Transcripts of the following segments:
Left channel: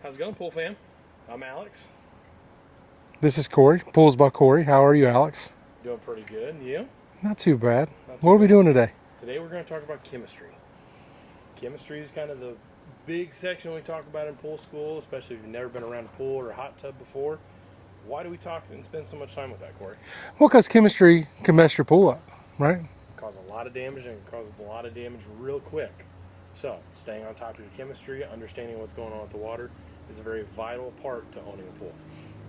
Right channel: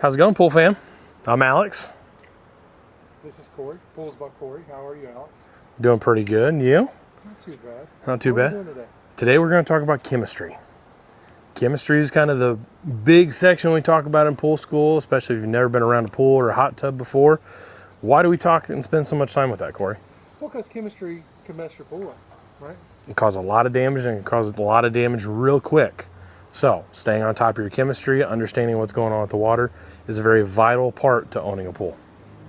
How's it going, Pool Fam? I'm Alex. This is Cory, Pools by Cory. How are you, Alex? Doing pretty good. And you? Not too bad. Not too bad. What are we doing today? Today we're going to talk about chemistry. Chemistry is kind of the big section we talk about in pool school, especially if you've never been around a pool or a hot tub before. Why do we talk and spend so much time with that, Cory? Well, because chemistry can mess your pool up, right? It causes a lot of damage and it causes a lot of damage real quick. So staying on top of your chemistry, understanding what's going on with the water is a very vital part to owning a pool.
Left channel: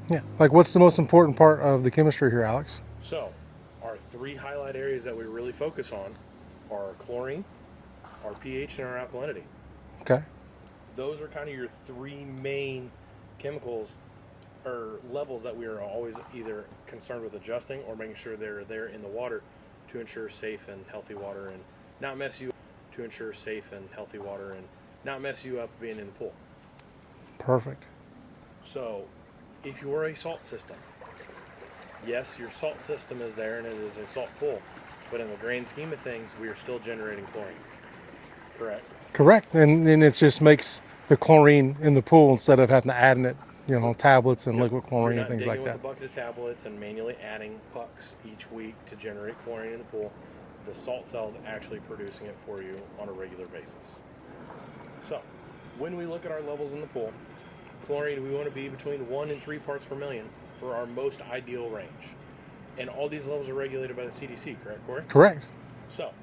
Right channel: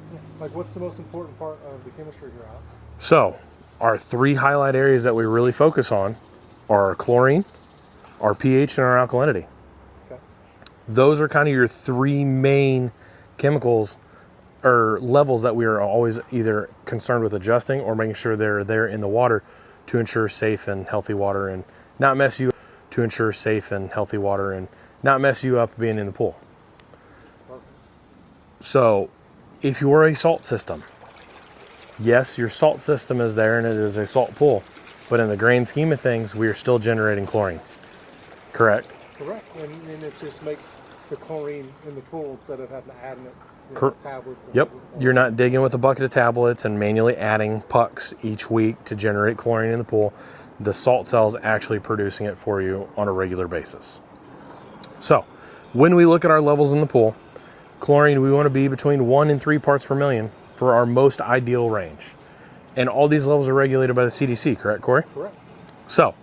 Yeah. Like, what's the most important part of the chemistry here, Alex? So our three highlight areas that we really focus on are our chlorine, our pH, and our alkalinity. Okay. Those are kind of your three main chemicals or levels that we are always either concerned with adjusting or making sure they're there in the water to ensure safe and healthy water and not mess you up being in the pool. Perfect. So if you're a salt system, yes, your salt system is there and it is a salt pool, but in the grand scheme of things, we are still generating chlorine. Correct? Correct. And it just makes the chlorine in the pool instead of having to add in it, tablets and liquid chlorine. You're not digging with a bucket of tablets and manually adding pucks each week to generate chlorine in the pool. The salt cell is actually producing it for you on a regular basis. So when we look at our levels in the pool, chlorine, we want to be between 1 and 3 parts per million for our most ideal range. And all these levels are regulated by the CDC, correct, Cory? Correct. So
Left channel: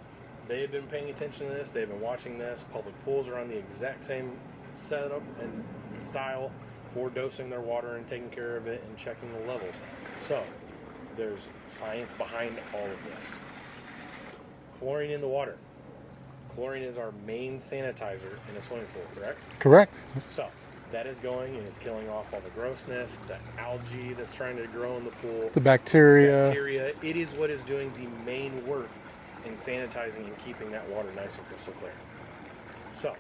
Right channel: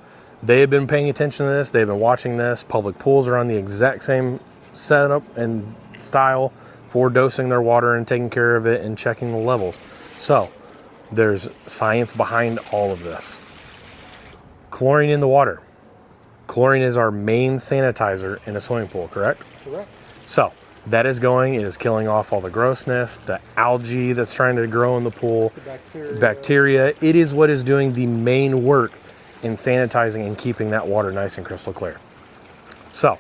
they have been paying attention to this. They've been watching this. Public pools are on the exact same setup and style for dosing their water and taking care of it and checking the levels. So there's science behind all of this. Chlorine in the water. Chlorine is our main sanitizer in a swimming pool, correct? Correct. So that is killing off all the grossness, the algae that's trying to grow in the pool, The bacteria. It is what is doing the main work in sanitizing and keeping that water nice and crystal clear. So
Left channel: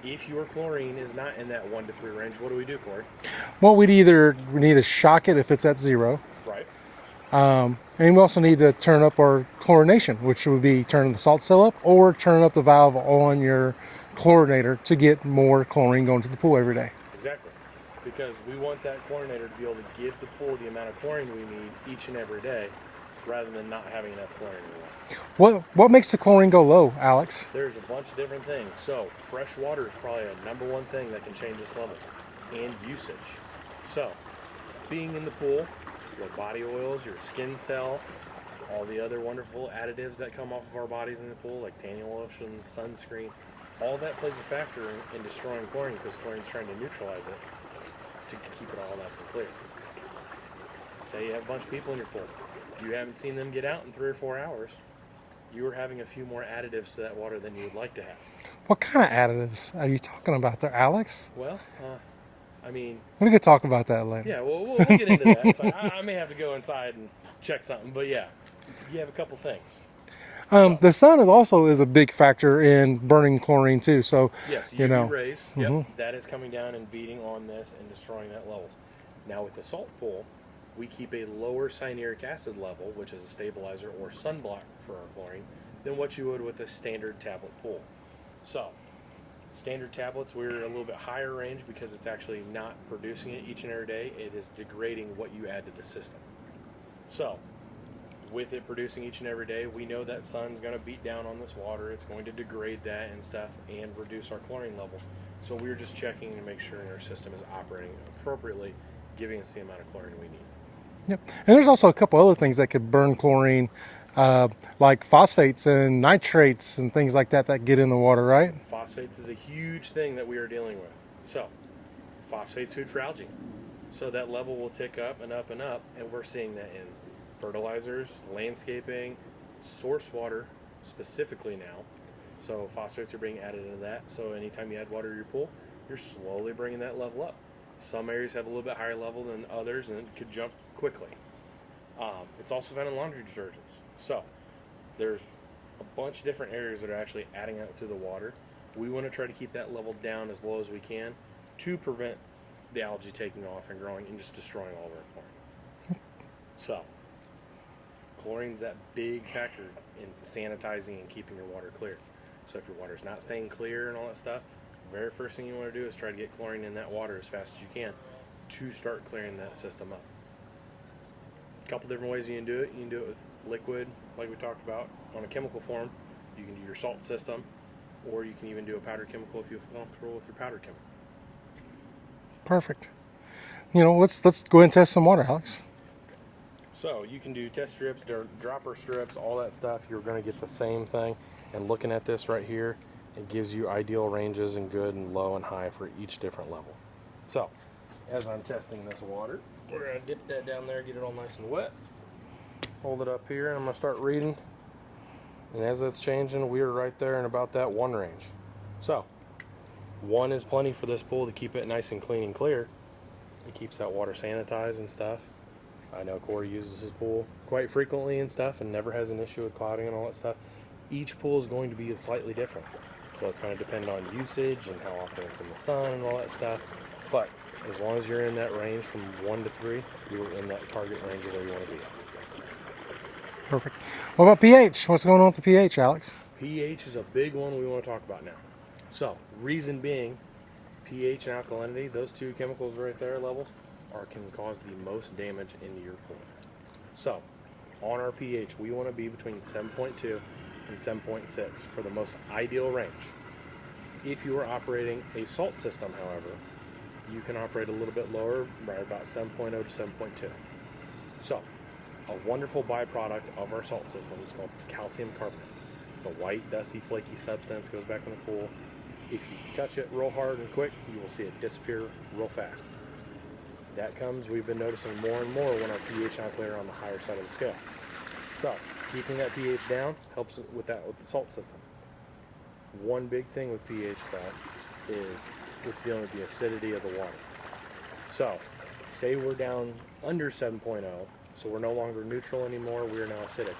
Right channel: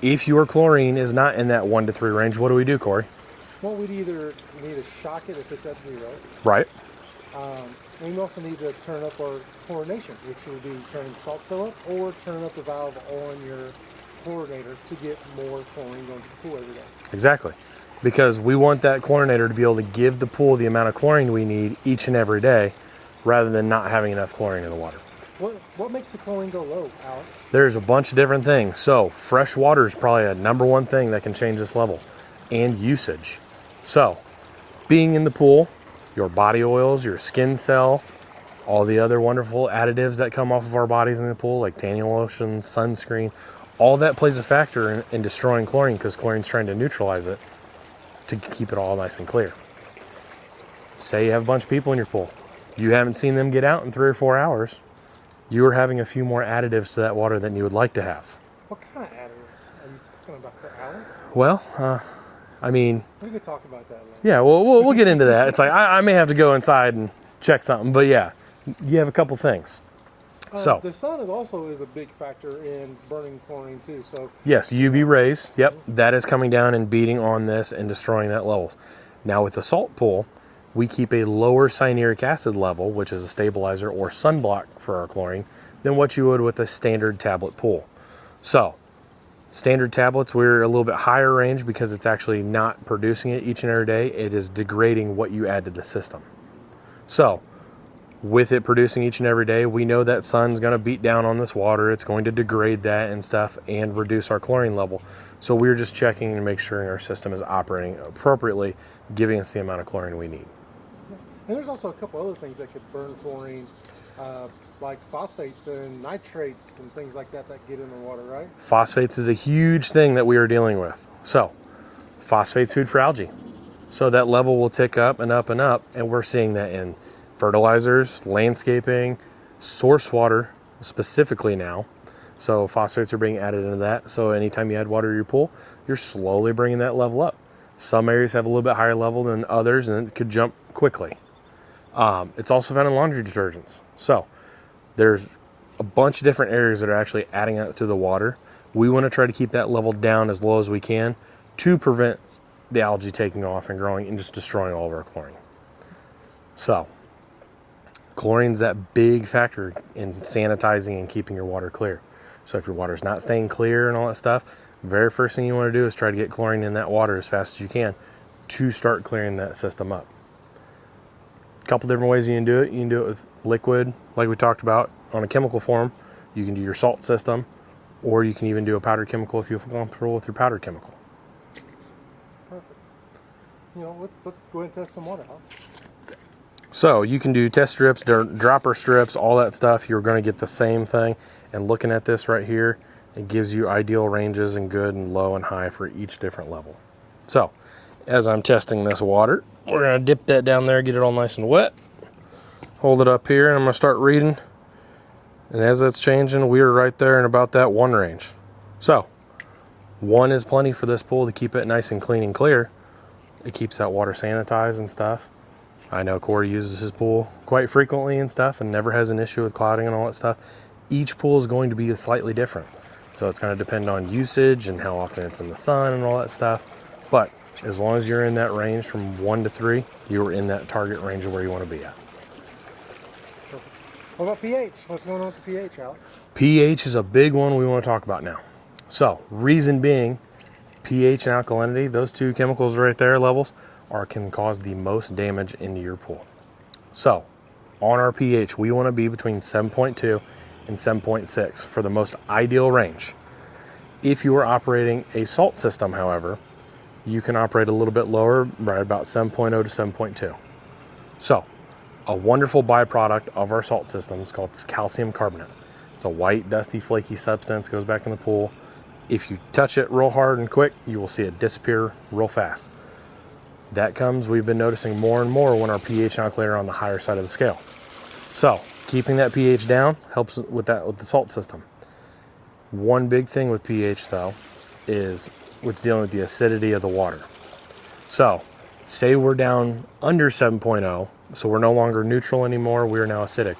if your chlorine is not in that 1 to 3 range, what do we do, Cory? Well, we need to shock it if it's at 0. Right. And we also need to turn up our chlorination, which would be turning the salt cell up or turn up the valve on your chlorinator to get more chlorine going to the pool every day. Exactly. Because we want that chlorinator to be able to give the pool the amount of chlorine we need each and every day rather than not having enough chlorine in the water. What makes the chlorine go low, Alex? There's a bunch of different things. So fresh water is probably a #1 thing that can change this level, and usage. So being in the pool, your body oils, your skin cell, all the other wonderful additives that come off of our bodies in the pool, like tanning lotion, sunscreen, all that plays a factor in destroying chlorine because chlorine's trying to neutralize it to keep it all nice and clear. Say you have a bunch of people in your pool. You haven't seen them get out in 3 or 4 hours. You're having a few more additives to that water than you would like to have. What kind of additives are you talking about there, Alex? Well, we could talk about that later. Yeah, we'll get into that. It's like I may have to go inside and check something, but yeah, you have a couple things. The sun is a big factor in burning chlorine too. So yes, UV rays. Yep, that is coming down and beating on this and destroying that levels. Now with the salt pool, we keep a lower cyanuric acid level, which is a stabilizer or sunblock for our chlorine, than what you would with a standard tablet pool. So standard tablets, we're a little bit higher range because it's actually not producing it each and every day. It is degrading what you add to the system. So with it producing each and every day, we know that sun's going to beat down on this water. It's going to degrade that and stuff and reduce our chlorine level. So we're just checking and make sure our system is operating appropriately, giving us the amount of chlorine we need. Yep. And there's also a couple other things that could burn chlorine, like phosphates and nitrates and things like that get in the water, right? Phosphates is a huge thing that we are dealing with. So phosphates food for algae. So that level will tick up and up and up, and we're seeing that in fertilizers, landscaping, source water specifically now. So phosphates are being added into that. So anytime you add water to your pool, you're slowly bringing that level up. Some areas have a little bit higher level than others, and it could jump quickly. It's also found in laundry detergents. So there's a bunch of different areas that are actually adding up to the water. We want to try to keep that level down as low as we can to prevent the algae taking off and growing and just destroying all of our chlorine. So chlorine's that big factor in sanitizing and keeping your water clear. So if your water's not staying clear and all that stuff, Very first thing you want to do is try to get chlorine in that water as fast as you can to start clearing that system up. A couple different ways you can do it. You can do it with liquid, like we talked about, on a chemical form. You can do your salt system, or you can even do a powdered chemical if you feel comfortable with your powdered chemical. Perfect. You know, let's go ahead and test some water, Alex. So you can do test strips, dropper strips, all that stuff. You're going to get the same thing. And looking at this right here, it gives you ideal ranges and good and low and high for each different level. So as I'm testing this water, we're going to dip that down there, get it all nice and wet. Hold it up here, and I'm going to start reading. And as that's changing, we are right there in about that 1 range. So 1 is plenty for this pool to keep it nice and clean and clear. It keeps that water sanitized and stuff. I know Cory uses his pool quite frequently and stuff and never has an issue with clouding and all that stuff. Each pool is going to be slightly different. So it's going to depend on usage and how often it's in the sun and all that stuff. But as long as you're in that range from 1 to 3, you're in that target range of where you want to be at. Perfect. What about pH? What's going on with the pH, Alex? pH is a big one we want to talk about now. So reason being, pH and alkalinity, those two chemicals right there, levels, can cause the most damage into your pool. So on our pH, we want to be between 7.2 and 7.6 for the most ideal range. If you are operating a salt system, however, you can operate a little bit lower, right about 7.0 to 7.2. So a wonderful byproduct of our salt system is called calcium carbonate. It's a white, dusty, flaky substance, goes back in the pool. If you touch it real hard and quick, you will see it disappear real fast. That comes, we've been noticing more and more when our pH and alkalinity are on the higher side of the scale. So keeping that pH down helps with that with the salt system. One big thing with pH though is what's dealing with the acidity of the water. So say we're down under 7.0, so we're no longer neutral anymore, we're now acidic.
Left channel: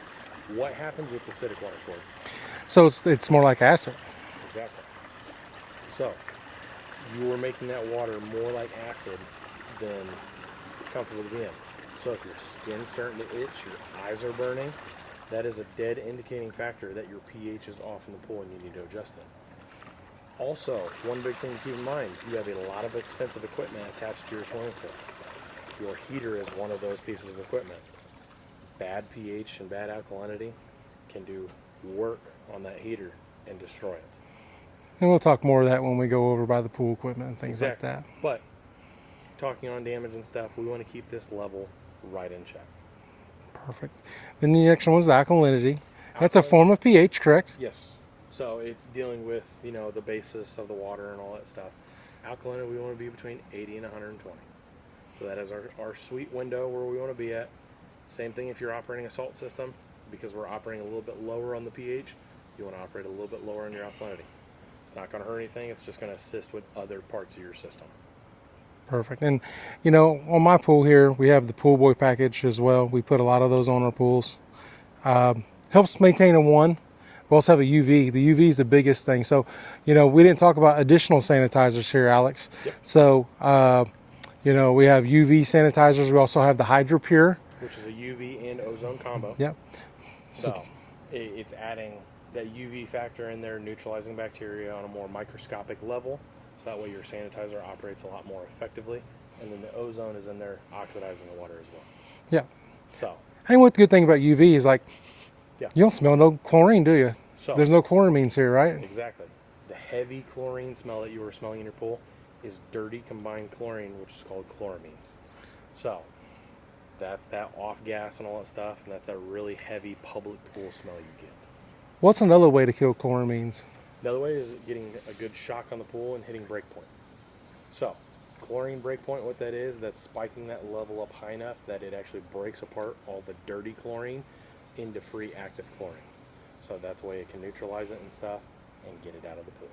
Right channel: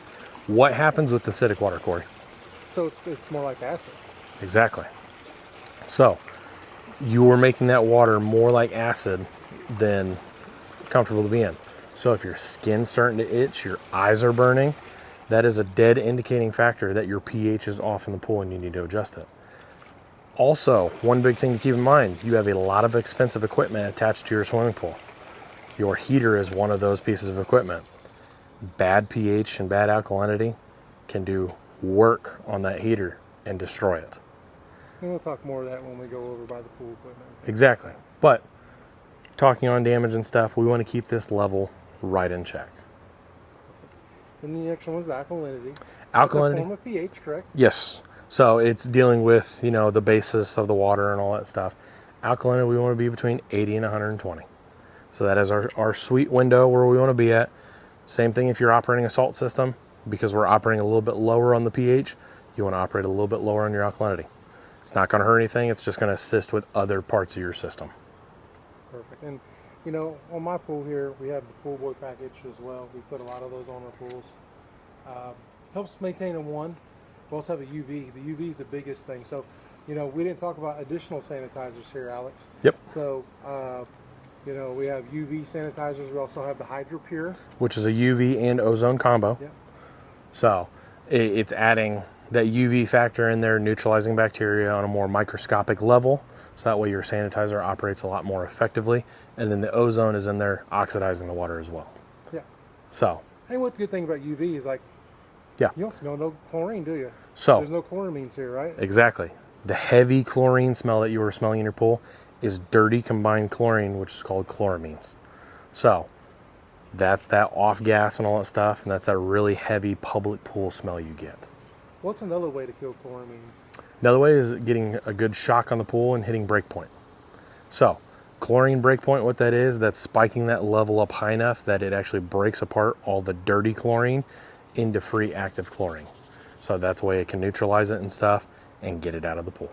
What happens with acidic water, Cory? So it's more like acid. Exactly. So you are making that water more like acid than comfortable to be in. So if your skin's starting to itch, your eyes are burning, that is a dead indicating factor that your pH is off in the pool and you need to adjust it. Also, one big thing to keep in mind, you have a lot of expensive equipment attached to your swimming pool. Your heater is one of those pieces of equipment. Bad pH and bad alkalinity can do work on that heater and destroy it. And we'll talk more of that when we go over by the pool equipment and things Exactly. like that. But talking on damage and stuff, we want to keep this level right in check. Perfect. Then the next one was the alkalinity. That's a form of pH, correct? Yes. So it's dealing with, the basis of the water and all that stuff. Alkalinity, we want to be between 80 and 120. So that is our sweet window where we want to be at. Same thing if you're operating a salt system, because we're operating a little bit lower on the pH, you want to operate a little bit lower on your alkalinity. It's not going to hurt anything. It's just going to assist with other parts of your system. Perfect. And on my pool here, we have the pool boy package as well. We put a lot of those on our pools. Helps maintain a 1. We also have a UV. The UV is the biggest thing. So, we didn't talk about additional sanitizers here, Alex. Yep. So, we have UV sanitizers. We also have the HydroPure, which is a UV and ozone combo. Yep. So it's adding that UV factor in there, neutralizing bacteria on a more microscopic level. So that way your sanitizer operates a lot more effectively. And then the ozone is in there oxidizing the water as well. Yeah. So. And what the good thing about UV is Yeah. You don't smell no chlorine, do you? So. There's no chloramines here, right? Exactly. The heavy chlorine smell that you were smelling in your pool is dirty combined chlorine, which is called chloramines. So that's that off gas and all that stuff. And that's that really heavy public pool smell you get. What's another way to kill chloramines? Another way is getting a good shock on the pool and hitting breakpoint. So chlorine breakpoint, what that is, that's spiking that level up high enough that it actually breaks apart all the dirty chlorine into free active chlorine. So that's the way it can neutralize it and stuff and get it out of the pool.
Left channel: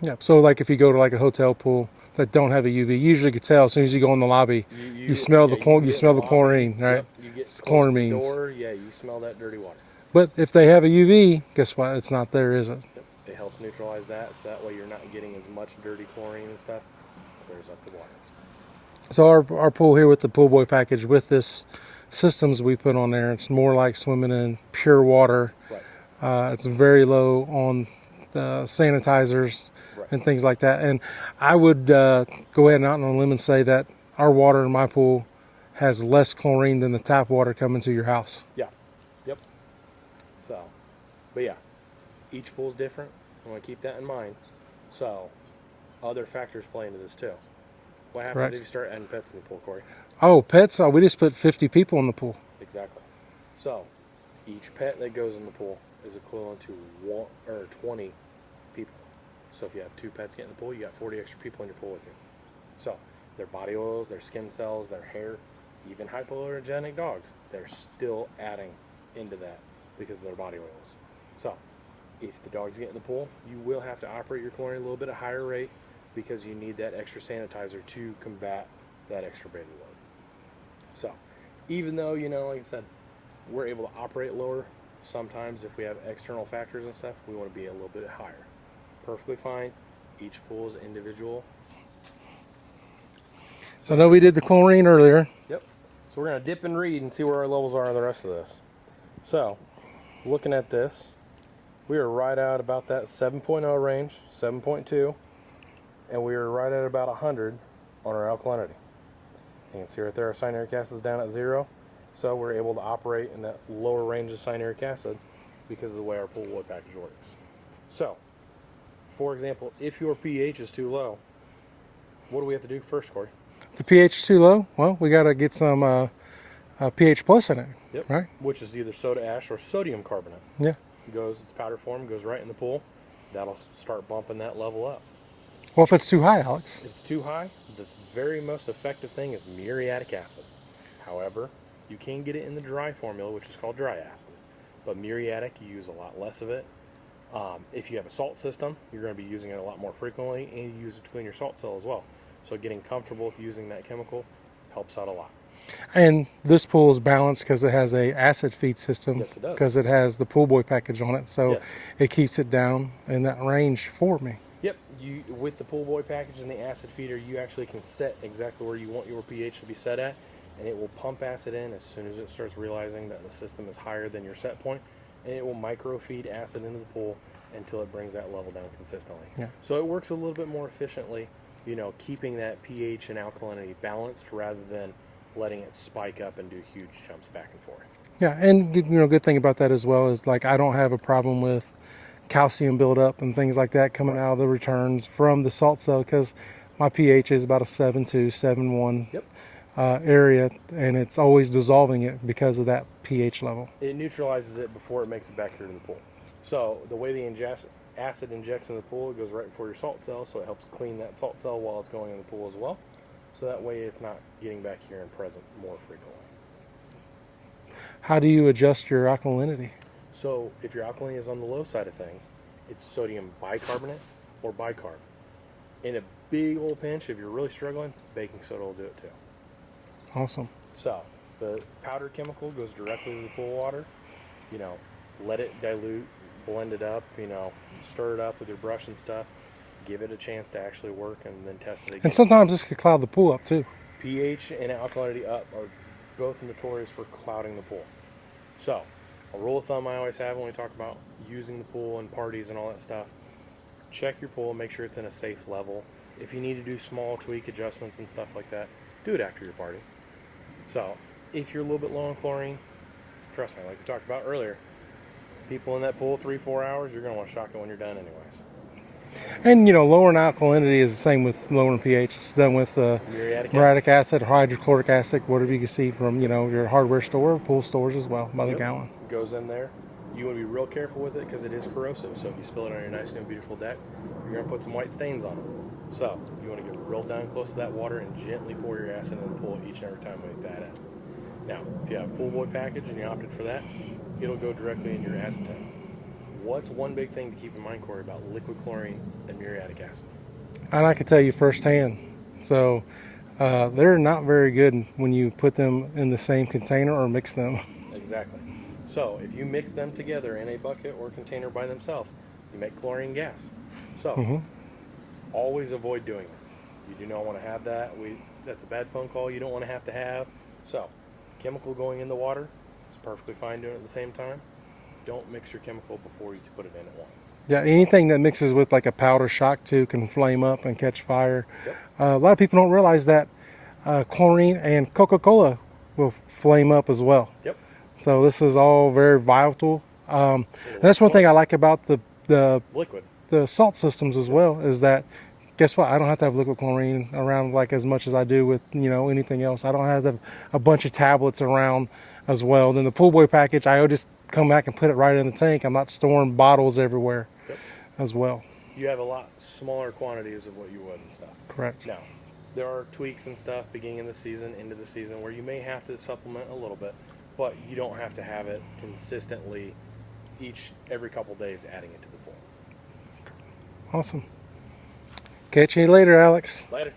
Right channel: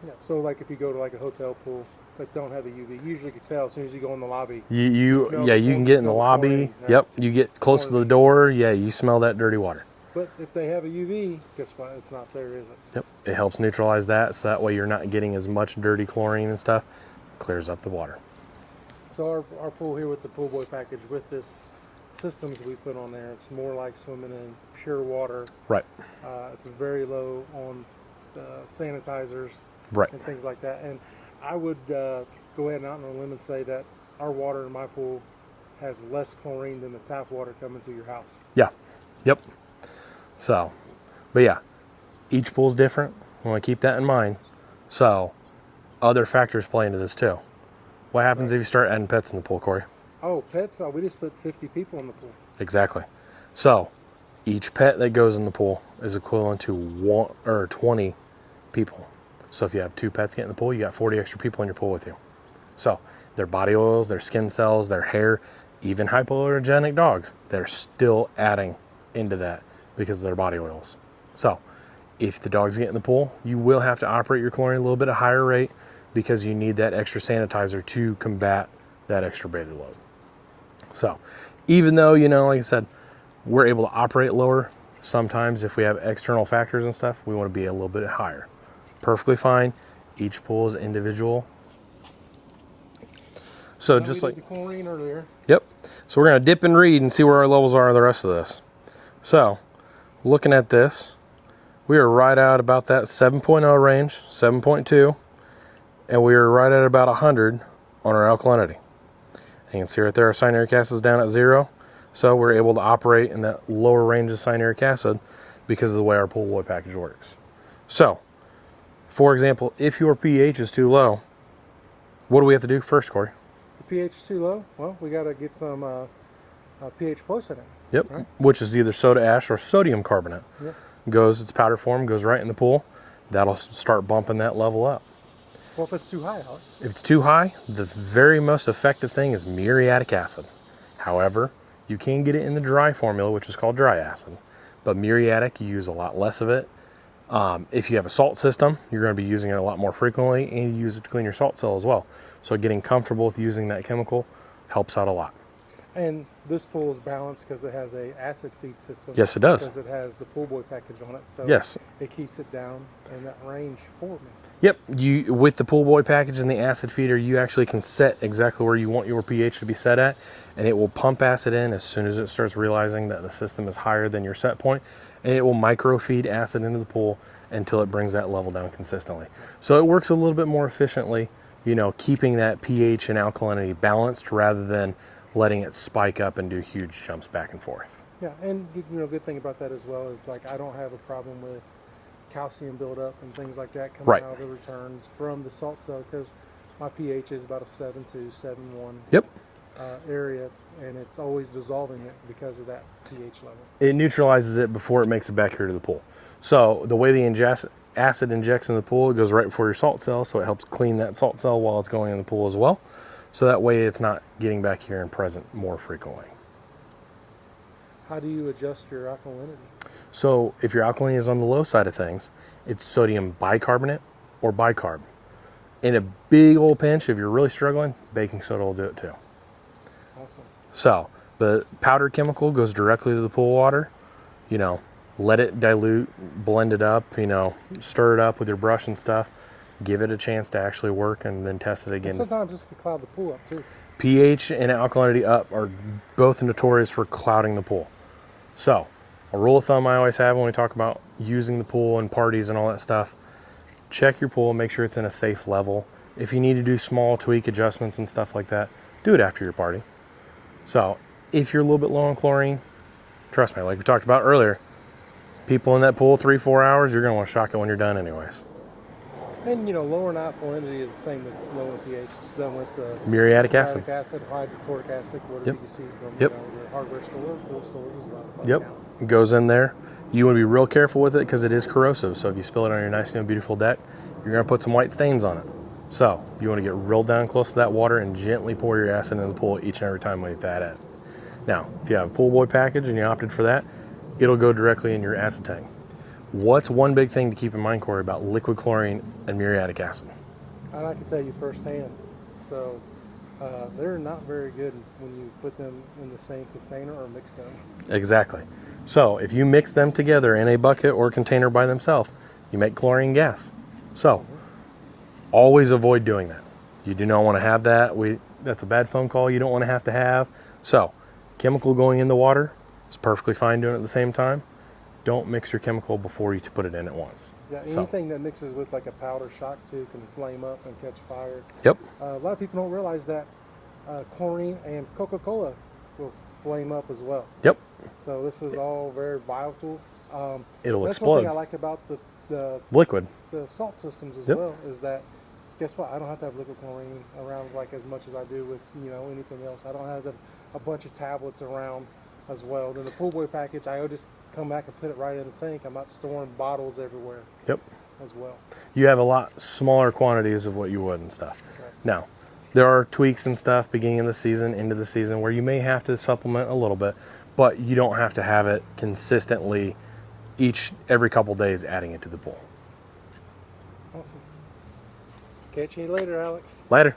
Yeah. So if you go to a hotel pool that don't have a UV, you usually can tell as soon as you go in the lobby. You smell the chlorine. Right? Yep. You get close to the door. Yeah. You smell that dirty water. But if they have a UV, guess what? It's not there, is it? Yep. It helps neutralize that, so that way you're not getting as much dirty chlorine and stuff. Clears up the water. So our pool here with the pool boy package with this systems we put on there, it's more like swimming in pure water. Right. It's very low on the sanitizers. Right. and things like that. And I would go ahead and out on a limb and say that our water in my pool has less chlorine than the tap water coming to your house. Yeah. Yep. So, but yeah, each pool's different. I want to keep that in mind. So, other factors play into this too. What happens Right. if you start adding pets in the pool, Corey? Oh, pets! We just put 50 people in the pool. Exactly. So, each pet that goes in the pool is equivalent to 20 people. So, if you have 2 pets get in the pool, you got 40 extra people in your pool with you. So, their body oils, their skin cells, their hair, even hypoallergenic dogs, they're still adding into that because of their body oils. So, if the dogs get in the pool, you will have to operate your chlorine a little bit at a higher rate because you need that extra sanitizer to combat that extra beta load. So, even though, like I said, we're able to operate lower, sometimes if we have external factors and stuff, we want to be a little bit higher. Perfectly fine. Each pool is individual. So, I know we did the chlorine earlier. Yep. So we're going to dip and read and see where our levels are in the rest of this. So, looking at this, we are right at about that 7.0 range, 7.2, and we are right at about 100 on our alkalinity. And you can see right there our cyanuric acid is down at 0, so we're able to operate in that lower range of cyanuric acid because of the way our pool boy package works. So, for example, if your pH is too low, what do we have to do first, Corey? If the pH is too low, well, we got to get some pH plus in it. Yep. Right. Which is either soda ash or sodium carbonate. Yeah. It's powder form, goes right in the pool. That'll start bumping that level up. Well, if it's too high, Alex. If it's too high, the very most effective thing is muriatic acid. However, you can get it in the dry formula, which is called dry acid. But muriatic, you use a lot less of it. If you have a salt system, you're going to be using it a lot more frequently, and you use it to clean your salt cell as well. So getting comfortable with using that chemical helps out a lot. And this pool is balanced because it has a acid feed system. Yes, it does. Because it has the pool boy package on it, so Yes. it keeps it down in that range for me. Yep, with the pool boy package and the acid feeder, you actually can set exactly where you want your pH to be set at, and it will pump acid in as soon as it starts realizing that the system is higher than your set point, and it will microfeed acid into the pool until it brings that level down consistently. Yeah. So it works a little bit more efficiently, keeping that pH and alkalinity balanced rather than letting it spike up and do huge jumps back and forth. Yeah, and good thing about that as well is like I don't have a problem with calcium buildup and things like that coming Right. out of the returns from the salt cell because my pH is about a 7.2, 7.1 Yep. area, and it's always dissolving it because of that pH level. It neutralizes it before it makes it back here to the pool. So the way the acid injects in the pool, it goes right before your salt cell, so it helps clean that salt cell while it's going in the pool as well. So that way it's not getting back here and present more frequently. How do you adjust your alkalinity? So if your alkalinity is on the low side of things, it's sodium bicarbonate or bicarb. In a big old pinch, if you're really struggling, baking soda will do it too. Awesome. So the powdered chemical goes directly to the pool water. Let it dilute, blend it up, stir it up with your brush and stuff. Give it a chance to actually work and then test it again. And sometimes this could cloud the pool up too. pH and alkalinity up are both notorious for clouding the pool. So a rule of thumb I always have when we talk about using the pool and parties and all that stuff, check your pool, make sure it's in a safe level. If you need to do small tweak adjustments and stuff like that, do it after your party. So if you're a little bit low on chlorine, trust me, like we talked about earlier, people in that pool 3-4 hours, you're gonna want to shock it when you're done anyways. And lowering alkalinity is the same with lowering pH. It's done with Muriatic acid, hydrochloric acid, whatever Yep. you can see from Yep. Your hardware store, pool stores as well, by the gallon. It goes in there. You want to be real careful with it because it is corrosive. So if you spill it on your nice new beautiful deck, you're going to put some white stains on it. So you want to get real down close to that water and gently pour your acid into the pool each and every time with that in. Now, if you have a pool boy package and you opted for that, it'll go directly in your acid tank. What's one big thing to keep in mind, Corey, about liquid chlorine and muriatic acid? And I can tell you firsthand. So they're not very good when you put them in the same container or mix them. Exactly. So if you mix them together in a bucket or container by themselves, you make chlorine gas. So always avoid doing that. You do not want to have that. That's a bad phone call you don't want to have. So chemical going in the water is perfectly fine doing it at the same time. don't mix your chemical before you put it in at once. Yeah, anything that mixes with like a powder shock too can flame up and catch fire. Yep. A lot of people don't realize that chlorine and Coca-Cola will flame up as well. Yep. So this is all very volatile. It'll That's one thing explode. I like about the Liquid. salt systems as well, is that guess what? I don't have to have liquid chlorine around like as much as I do with anything else. I don't have to have a bunch of tablets around as well. Then the pool boy package, I just come back and put it right in the tank. I'm not storing bottles everywhere. Yep. As well. You have a lot smaller quantities of what you would and stuff. Correct. Now, there are tweaks and stuff beginning of the season, into the season, where you may have to supplement a little bit, but you don't have to have it consistently every couple days adding it to the pool. Awesome. Catch you later, Alex. Later.